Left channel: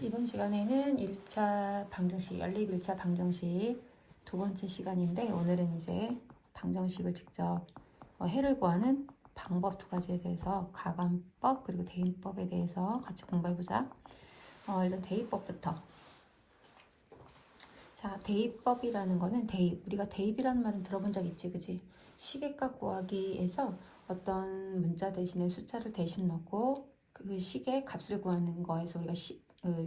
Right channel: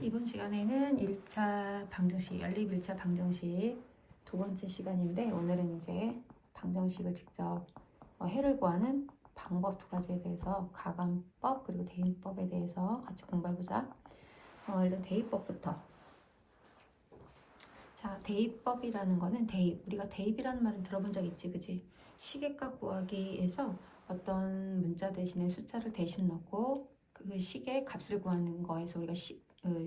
이번 시간에는 1차 방정식, 연립 1차 방정식 두 번째 시간인데, 오늘은 이제 방정식을 직접 해를 구하는 방법 두 가지에 대해서 가관법 그리고 대입법에 대해서 같이 공부해보자. 일단 대입법부터. 자, 대입법이라는 거는 우리가 대입이라는 말은 들어본 적 있지, 그지? 시계값 구하기에서 어떤 문자 대신에 숫자를 대신 넣고 그 시계 값을 구하는 거에서 우리가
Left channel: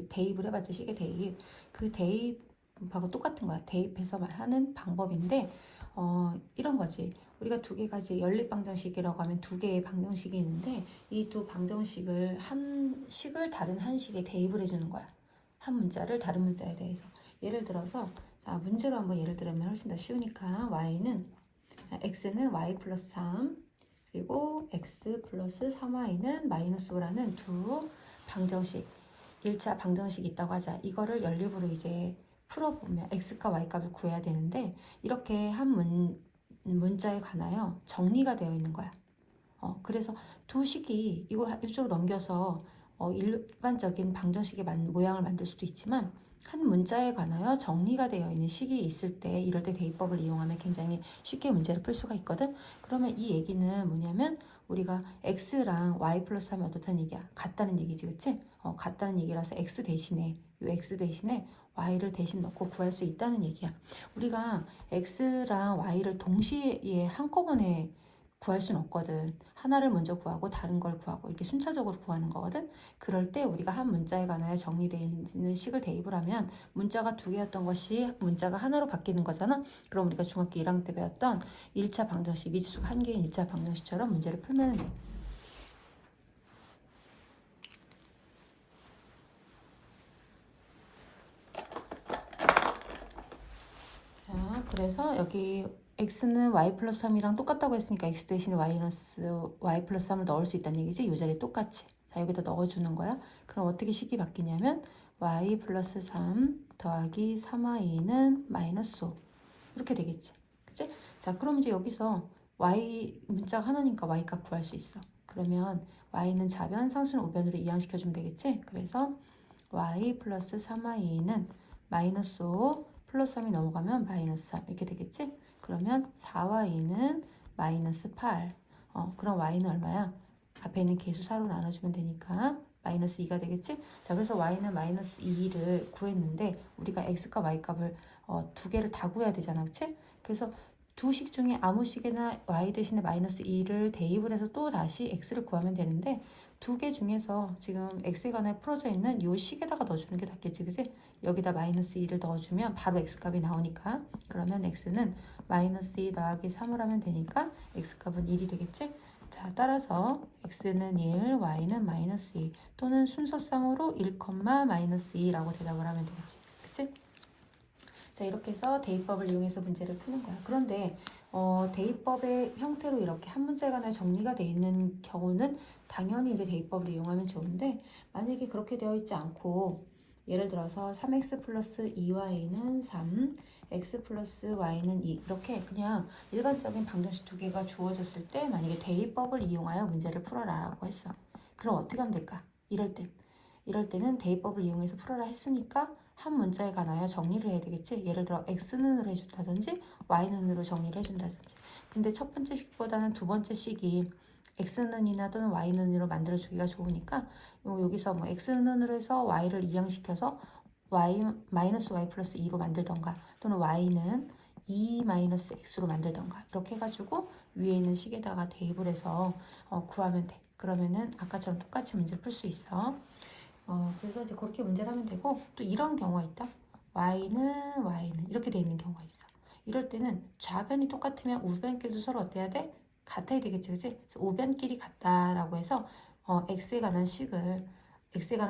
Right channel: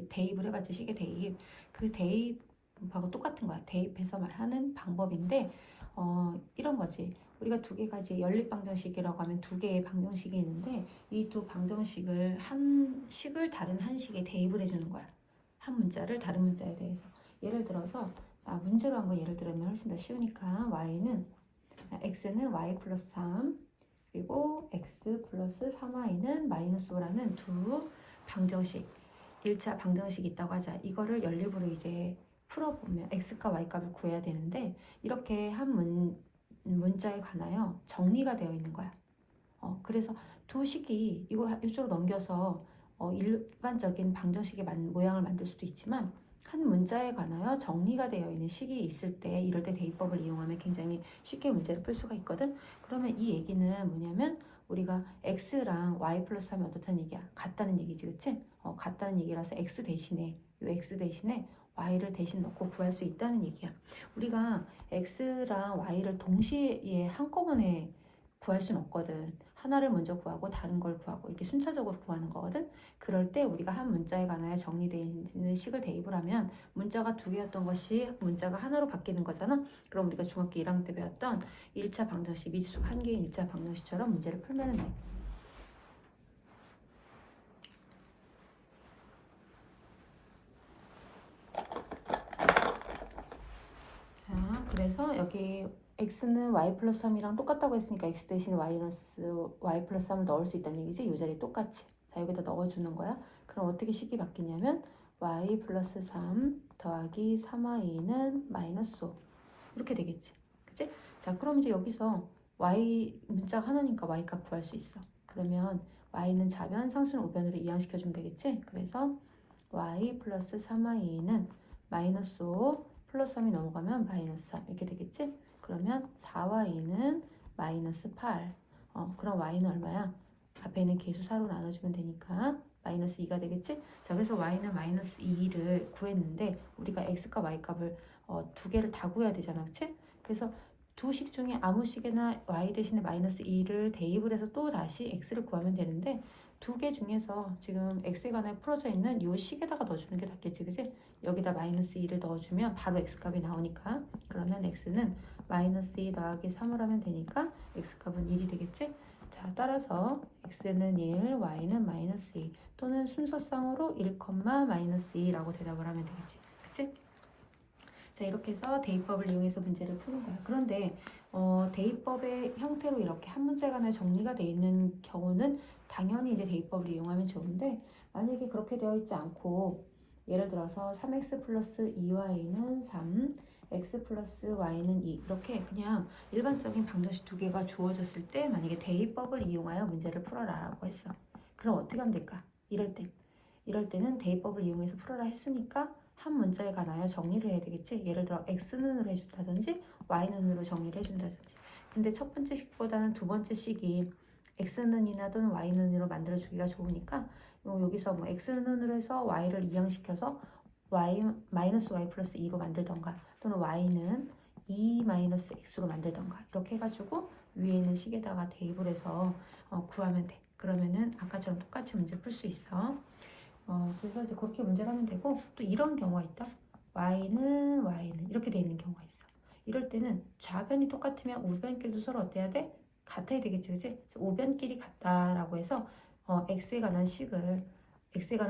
대입을 해봤지, 시계 대입. 그 대입하고 똑같은 거야. 대입해서 하는 방법인데, 이런 거지. 우리가 두 개가 이제 연립 방정식이라고 하면 두 개의 방정식이 있는데, 이 두 방정식을 한 식을 다른 한 식에 대입을 해주는 거야. 한 문자를 다른 문자에 대해서. 예를 들어서, 자, 문제로 한번 예를 들면 훨씬 더 쉬우니까, x는 y 플러스 3, 그리고 x 플러스 3y는 마이너스 5라는 두 방정식, 1차 방정식이 있다고 하자. 이거를 연립으로 이제 풀어보면 x과 y 값을 구해야 되는데, 이렇게 한 문자에 관하여 정리가 되어 있는 거야. 그래서 두 식이 이걸 이쪽으로 넘겨서 일반적인 방정식의 모양을 만들 수도 있지만, 한 문자에 관하여 정리가 되어 있는 식이 있을 때, 이럴 때 대입법을 이용하면 굉장히 쉽게 문제를 풀 수가 있거든. 그러면 이 얘기는 뭐냐면, 우리가 x랑 y 플러스 하면 어떻다는 얘기야? 같다는 얘기지, 그치? 같다는 얘기라서 x 대신에 y를 대신 넣고 구할 수 있다는 얘기야. 우리가 x랑 y를 동시에 한꺼번에 구할 수는 없거든. 하나를 먼저 구하고 다른 걸 구하고 이렇게 순차적으로 구하는 거거든. 그럴 때 우리가 한 문자에 관하여 정리되어 있는 식을 대입을 하면, 문자가 두 개였던 것이 문자가 하나로 바뀌는 거잖아. 그럼 우리가 중학교 1학년 때 배웠던 1차 방정식, 미지수가 한 개의 1차 방정식처럼 문제를 풀면 돼. 자, 그래서 여기 x는 y 플러스 3이랑 똑같다고 했으니까 x 대신 y 플러스 3을 넣을 수 있다는 얘기지. 이 자리에 똑같이. 자, 여기다 넣어주는 거야. 그럼 어떻게 식이 바뀌냐면 y 플러스 3 더하기 3y는 마이너스 5 이렇게 되겠지. 그치? 자, 그럼 이제 여기서 y 문자가 하나니까 y 값 구할 수 있어. 그러면 y는 좌변, 상수는 우변으로 이항시켜주면 되겠지. 그래서 y 플러스 3y는 마이너스 5 플러스 3이 넘어가면 마이너스 3 이렇게 되겠지? 그러면 4y는 마이너스 8. 그럼 y는 얼마야? 앞에 있는 개수 4로 나눠주면 되니까 마이너스 2가 되겠지? 자, 그래서 y는 마이너스 2를 구했는데, 우리가 x과 y 값을 두 개를 다 구해야 되잖아, 그치? 그래서 두 식 중에 아무 식이나 y 대신에 마이너스 2를 대입을 해서 또 다시 x를 구하면 되는데, 두 개 중에서 지금 x에 관해 풀어져 있는 이 식에다가 넣어주는 게 낫겠지, 그치? 여기다 마이너스 2를 넣어주면 바로 x값이 나오니까, 그러면 x는 마이너스 2 더하기 3을 하면 되니까 x값은 1이 되겠지? 자, 따라서 x는 1, y는 마이너스 2, 또는 순서상으로 1, 마이너스 2라고 대답을 하면 되겠지, 그치? 자, 이렇게 해서 대입법을 이용해서 문제를 푸는 거야. 그런데 대입법의 형태로 이렇게 한 문제에 관해 정리가 되어 있는 경우는 당연히 이제 대입법을 이용하면 좋은데, 만약에 그렇게 되어 있지 않고, 예를 들어서 3x 플러스 2y는 3, x 플러스 y는 2 이렇게 그냥 일반적인 방정식 두 개가 주어졌을 때, 만약에 대입법을 이용하여 문제를 풀어라 라고 했어. 그럼 어떻게 하면 될까? 이럴 때는 대입법을 이용해서 풀어라 했으니까 한 문자에 관하여 정리를 해야 되겠지. 예를 들어 x는으로 해준다든지 y는으로 정리를 해준다든지. 근데 첫 번째 식보다는 두 번째 식이 x는이나 또는 y는으로 만들어주기가 좋으니까, 여기서 뭐 x는으로 해서 y를 이항시켜서 마이너스 y 플러스 2로 만들던가, 또는 y는 2 마이너스 x로 만들던가, 이렇게 해가지고 위에 있는 식에다가 대입을 해서 구하면 돼. 그러면은 아까처럼 똑같이 문제를 풀 수 있어. 그래서 이제 그렇게 문제를 하면 되고, 또 이런 경우가 있다. y는 이렇게 돼 있는 경우가 있어. 이럴 때는 좌변이 똑같으면 우변끼리도 서로 어때야 돼? 같아야 되겠지, 그치? 그래서 우변끼리 같다라고 해서 x에 관한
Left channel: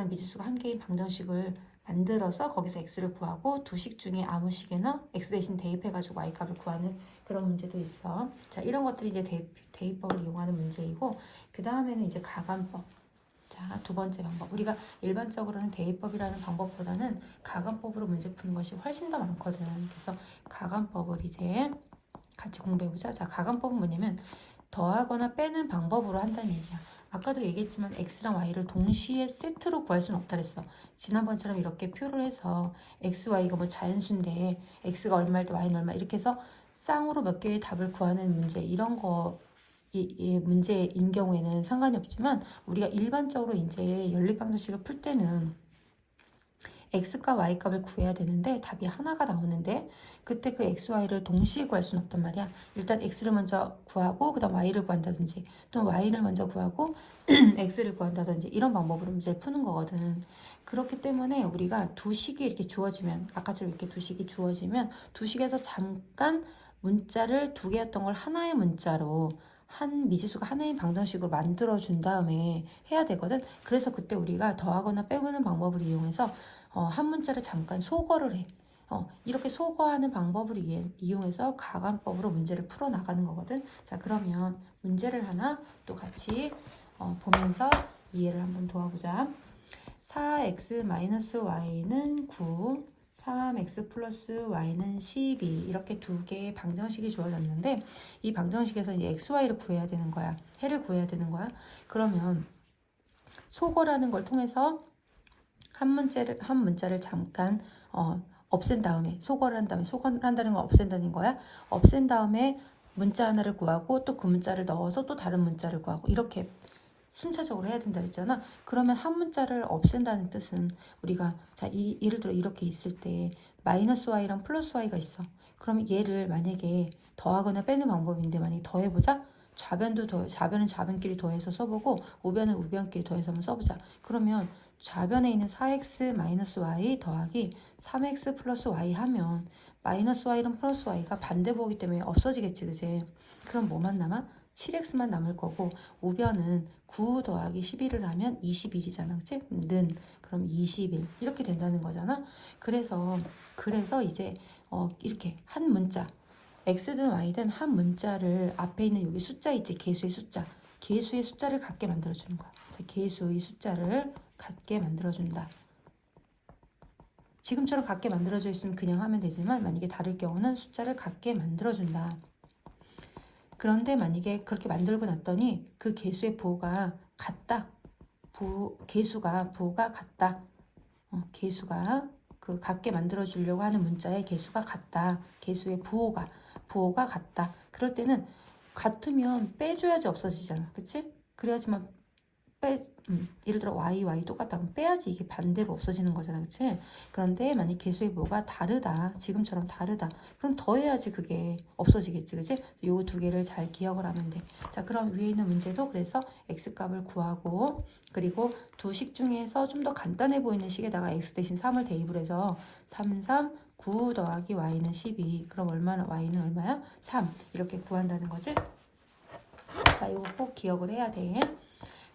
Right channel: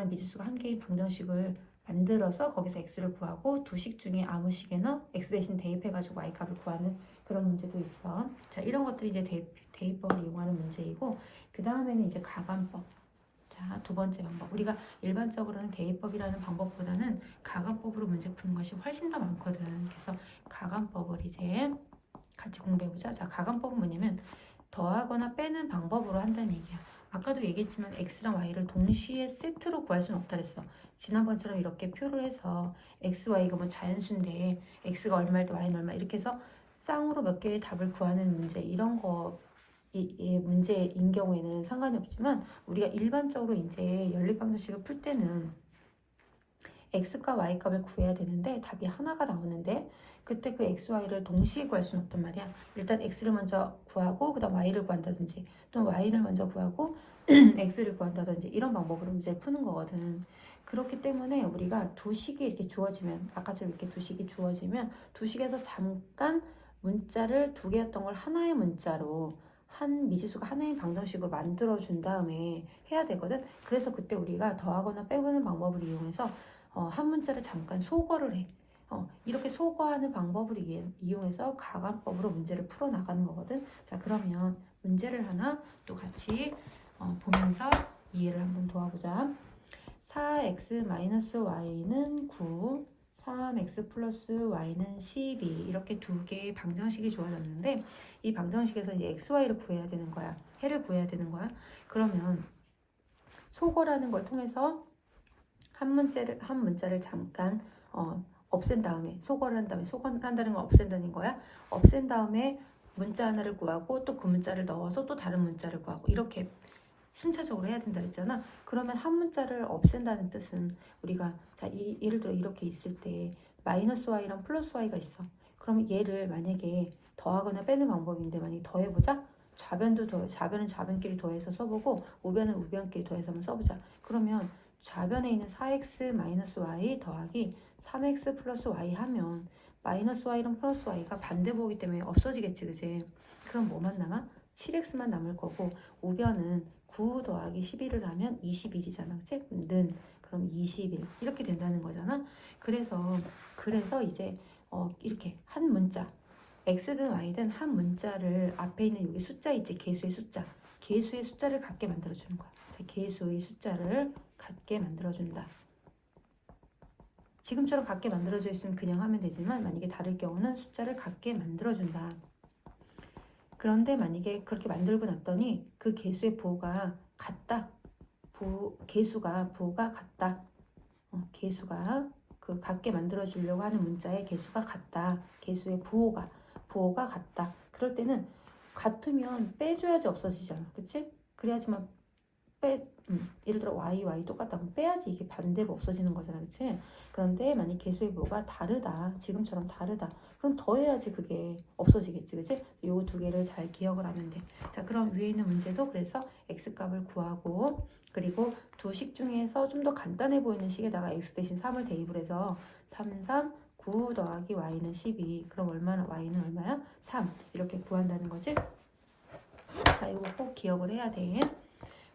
미지수가 한 개인 방정식을 만들어서 거기서 x를 구하고, 두 식 중에 아무 식에나 x 대신 대입해가지고 y 값을 구하는 그런 문제도 있어. 자, 이런 것들이 이제 대입법을 이용하는 문제이고, 그 다음에는 이제 가관법. 자, 두 번째 방법. 우리가 일반적으로는 대입법이라는 방법보다는 가관법으로 문제 푸는 것이 훨씬 더 많거든. 그래서 가관법을 이제 같이 공부해보자. 자, 가관법은 뭐냐면 더하거나 빼는 방법으로 한다는 얘기야. 아까도 얘기했지만 x랑 y를 동시에 세트로 구할 수는 없다 그랬어. 지난번처럼 이렇게 표를 해서 x, y가 뭐 자연수인데 x가 얼마일 때 y는 얼마 이렇게 해서 쌍으로 몇 개의 답을 구하는 문제 이런 거 이 문제인 경우에는 상관이 없지만 우리가 일반적으로 이제 연립방정식을 풀 때는 x값, y값을 구해야 되는데 답이 하나가 나오는데 그때 그 x, y를 동시에 구할 수는 없단 말이야. 일단 x를 먼저 구하고 그 다음 y를 구한다든지 또 y를 먼저 구하고 x를 구한다든지 이런 방법으로 문제를 푸는 거거든. 그렇기 때문에 우리가 두 식이 이렇게 주어지면 아까처럼 이렇게 두 식이 주어지면 두 식에서 잠깐 문자를 두 개였던 걸 하나의 문자로 한 미지수가 하나의 방정식으로 만들어 준 다음에 해야 되거든. 그래서 그때 우리가 더하거나 빼보는 방법을 이용해서 한 문자를 잠깐 소거를 해. 이렇게 소거하는 방법을 이용해서 가관법으로 문제를 풀어나가는 거거든. 자, 그러면 문제를 하나 또 같이 보면서 이해를 한번 도와보자. 4x-y는 9, 3x 플러스 y는 12 이렇게 두 개의 방정식이 주어졌는데 이 방정식에서 이제 x, y를 구해야 되는 거야. 해를 구해야 되는 거야. 그러면 소거라는 걸 통해서 한 문자를 잠깐 없앤 다음에 소거를 한 다음에 소거를 한다는 건 없앤다는 거야. 없앤 다음에 문자 하나를 구하고 또 그 문자를 넣어서 또 다른 문자를 구하고 이렇게 순차적으로 해야 된다 그랬잖아. 그러면 한 문자를 없앤다는 뜻은 우리가 자 예를 들어 이렇게 있을 때 마이너스 y랑 플러스 y가 있어. 그럼 얘를 만약에 더하거나 빼는 방법인데 만약에 더해보자. 좌변은 좌변끼리 더해서 써보고 우변은 우변끼리 더해서 한번 써보자. 그러면 좌변에 있는 4x-y 더하기 3x 플러스 y 하면 마이너스 y랑 플러스 y가 반대보기 때문에 없어지겠지, 그지? 그럼 뭐만 남아? 7x만 남을 거고 우변은 9 더하기 11을 하면 21이잖아, 그치? 그럼 21 이렇게 된다는 거잖아. 그래서 이제 이렇게 한 문자 x든 y든 한 문자를 앞에 있는 여기 숫자 있지, 개수의 숫자를 갖게 만들어주는 거야. 개수의 숫자를 갖게 만들어준다. 지금처럼 갖게 만들어져 있으면 그냥 하면 되지만 만약에 다를 경우는 숫자를 갖게 만들어준다. 그런데 만약에 그렇게 만들고 났더니 그 개수의 부호가 같다. 개수가 부호가 같다. 개수가 그 같게 만들어 주려고 하는 문자의 개수가 같다. 개수의 부호가 같다. 그럴 때는 같으면 빼줘야지 없어지잖아. 그치? 그래야지만 예를 들어 y 똑같다 그럼 빼야지 이게 반대로 없어지는 거잖아, 그치? 그런데 만약 개수의 부호가 다르다, 지금처럼 다르다, 그럼 더해야지 그게 없어지겠지, 그치? 요거 두 개를 잘 기억을 하면 돼. 자, 그럼 위에 있는 문제도 그래서 x값을 구하고 그리고 두 식 중에서 좀 더 간단해 보이는 식에다가 x 대신 3을 대입을 해서 9 더하기 y는 12 그럼 y는 얼마야? 3 이렇게 구한다는 거지? 자, 이거 꼭 기억을 해야 돼.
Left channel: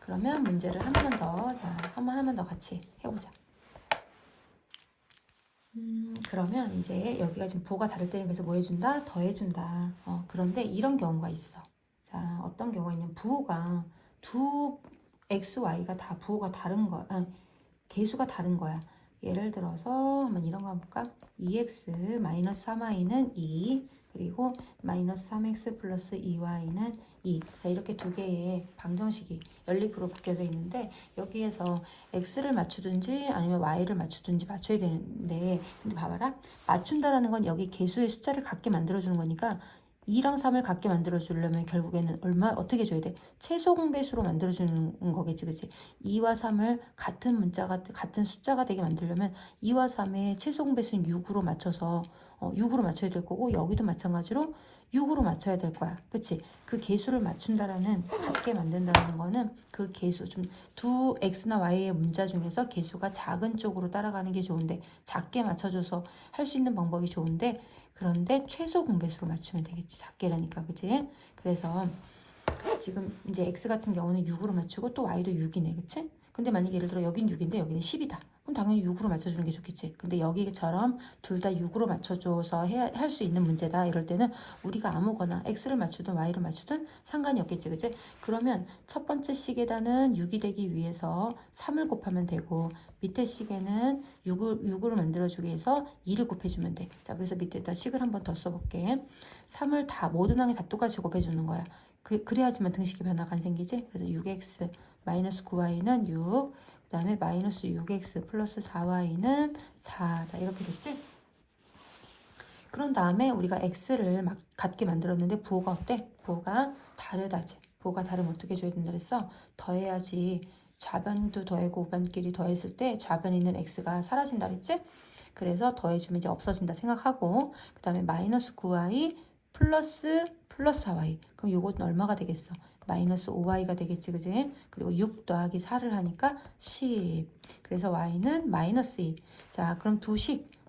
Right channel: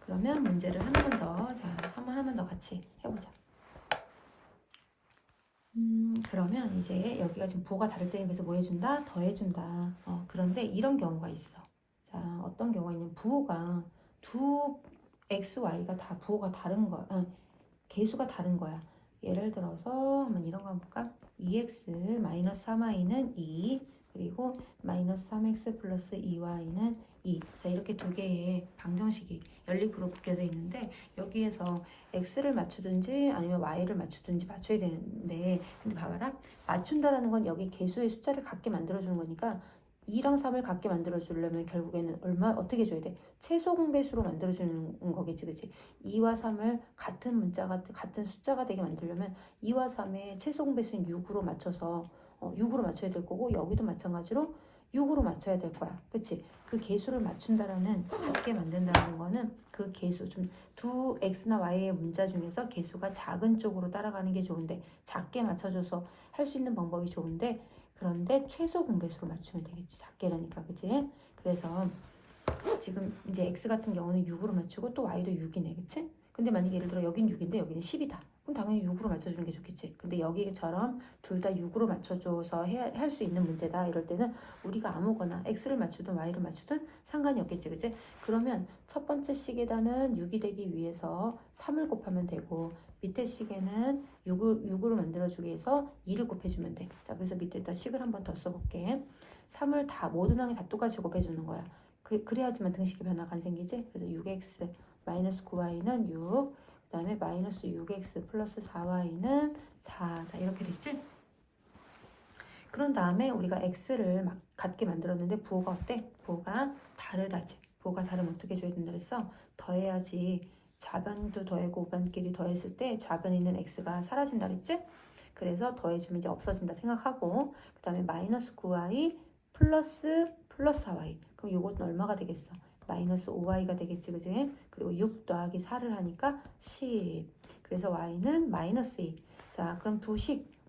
그러면 문제를 한 번 더 같이 해보자. 그러면 이제 여기가 지금 부호가 다를 때는 그래서 뭐 해준다? 더해준다. 그런데 이런 경우가 있어. 자, 어떤 경우가 있냐면 부호가 두 x, y가 다 부호가 다른 거야. 개수가 다른 거야. 예를 들어서 한번 이런 거 한번 볼까? 2x 마이너스 3y는 2 그리고 마이너스 3x 플러스 2y는 2. 자, 이렇게 두 개의 방정식이 연립으로 묶여져 있는데 여기에서 x를 맞추든지 아니면 y를 맞추든지 맞춰야 되는데 근데 봐봐라. 맞춘다라는 건 여기 개수의 숫자를 같게 만들어주는 거니까 2랑 3을 같게 만들어주려면 결국에는 어떻게 줘야 돼? 최소 공배수로 만들어주는 거겠지, 그치? 2와 3을 같은 숫자가 되게 만들려면 2와 3의 최소 공배수는 6으로 맞춰서 6으로 맞춰야 될 거고 여기도 마찬가지로 6으로 맞춰야 될 거야, 그치? 그 개수를 맞춘다라는 같게 만든다는 거는 그 개수 두 x나 y의 문자 중에서 개수가 작은 쪽으로 따라가는 게 좋은데 작게 맞춰줘서 할 수 있는 방법이 좋은데 그런데 최소 공배수로 맞추면 되겠지. 작게라니까, 그치? 그래서 지금 이제 x 같은 경우는 6으로 맞추고 또 y도 6이네, 그치? 근데 만약에 예를 들어 여긴 6인데 여기는 10이다. 그럼 당연히 6으로 맞춰주는 게 좋겠지. 근데 여기처럼 둘 다 6으로 맞춰줘서 할 수 있는 문제다. 이럴 때는 우리가 아무거나 x를 맞추든 y를 맞추든 상관이 없겠지, 그치? 그러면 첫 번째 식에다는 6이 되기 위해서 3을 곱하면 되고 밑에 식에는 6으로 만들어주기 위해서 2를 곱해주면 돼. 자, 그래서 밑에다 식을 한번 더 써볼게. 3을 모든 항에 다 똑같이 곱해주는 거야. 그래야지만 등식의 변화가 안 생기지. 그래서 6x 마이너스 9y는 6, 그 다음에 마이너스 6x 플러스 4y는 4. 자, 이렇게 됐지? 그런 다음에 우리가 x를 막 같게 만들었는데 부호가 어때? 부호가 다르다지. 부호가 다르면 어떻게 줘야 된다 그랬어? 더해야지. 좌변도 더하고 우변끼리 더했을 때 좌변에 있는 x가 사라진다 그랬지? 그래서 더해주면 이제 없어진다 생각하고, 그 다음에 마이너스 9y 플러스 4y. 그럼 요것은 얼마가 되겠어? 마이너스 5y가 되겠지, 그지? 그리고 6 더하기 4를 하니까 10. 그래서 y는 마이너스 2. 자, 그럼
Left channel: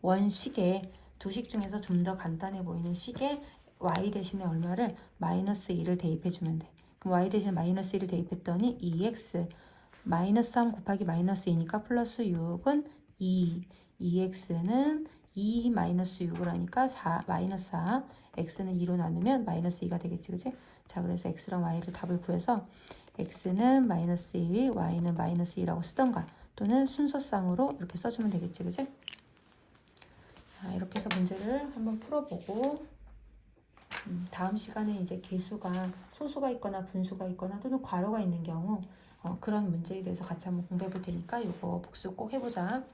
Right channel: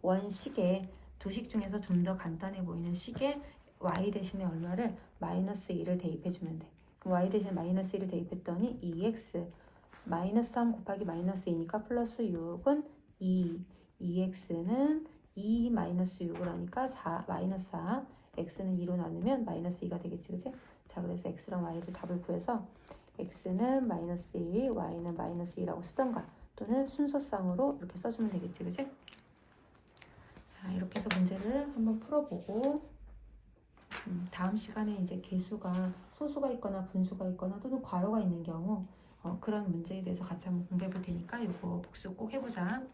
원식에 두 식 중에서 좀 더 간단해 보이는 식에 y 대신에 얼마를? 마이너스 2를 대입해주면 돼. 그럼 y 대신에 마이너스 1을 대입했더니 2x 마이너스 3 곱하기 마이너스 2니까 플러스 6은 2. 2x는 2 마이너스 6을 하니까 4 마이너스 4. x는 2로 나누면 마이너스 2가 되겠지, 그치? 자, 그래서 x랑 y를 답을 구해서 x는 마이너스 2, y는 마이너스 2라고 쓰던가 또는 순서상으로 이렇게 써주면 되겠지, 그치? 자, 이렇게 해서 문제를 한번 풀어보고 다음 시간에 이제 개수가 소수가 있거나 분수가 있거나 또는 괄호가 있는 경우 그런 문제에 대해서 같이 한번 공부해 볼 테니까 이거 복습 꼭 해보자.